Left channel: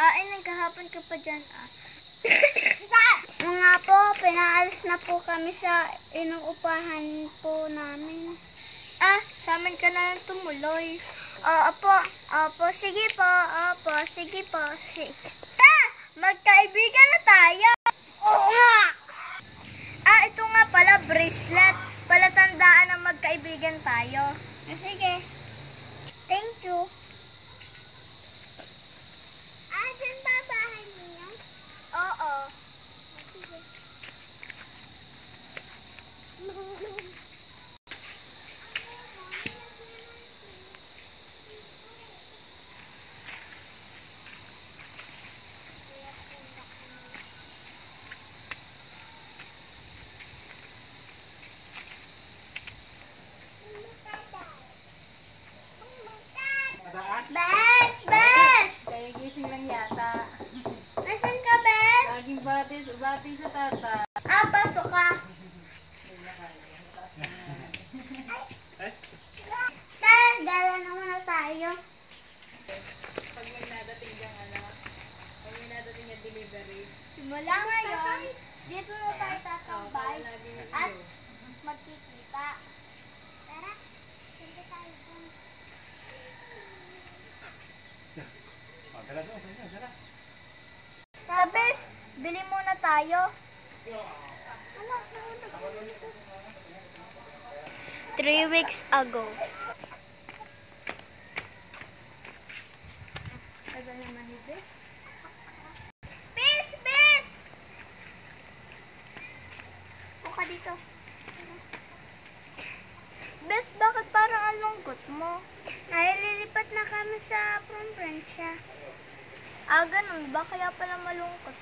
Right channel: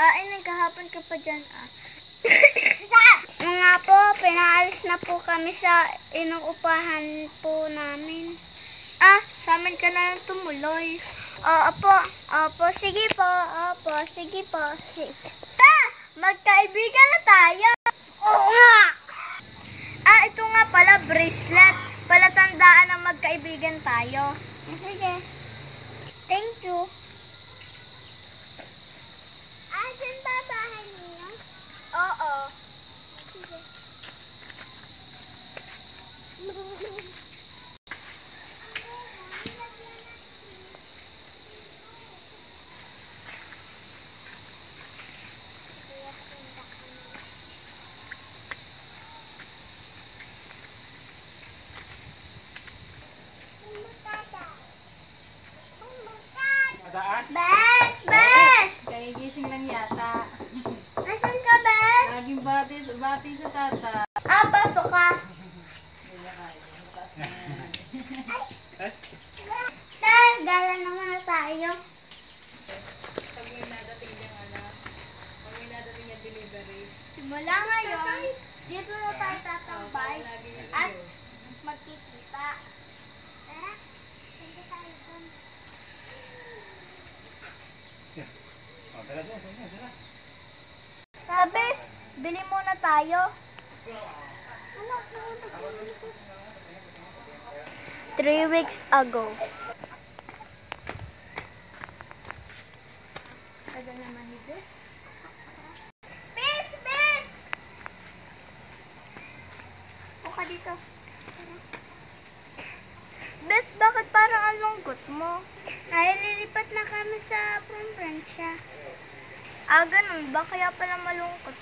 Ay, nagkahapon ka pa dyan, Mga po, pinaalis na po kami sa inuupahan po namin. Sa amin ka na lang tumuloy. Opo, sige po, sige po. Magkaibigan na tayo. Oo nga. Ito nga pala, bracelet. Palatandaan na magkaibigan tayo. Sige. Thank you. Dyan ba bahay niyo? Oo. Sige. Bes! Kagigising lang yata. Nasaan ka, Bes? Laging bati sa tata. Pasok ka. Gala na muna tayo. Pag may nadating yung pag may nadating yung delivery. Simula ngayon, dito na tayo tatambay at magkikita. Tara, punta tayo dun. Bes, bili muna tayo. 3 weeks ago. Tagal naman ni Bes. Bes! Buka dito. Bes, bakit parang ang lungkot mo? Ay, lilipat na kami sa Provincia. Ganun ba? Kaya pala malungkot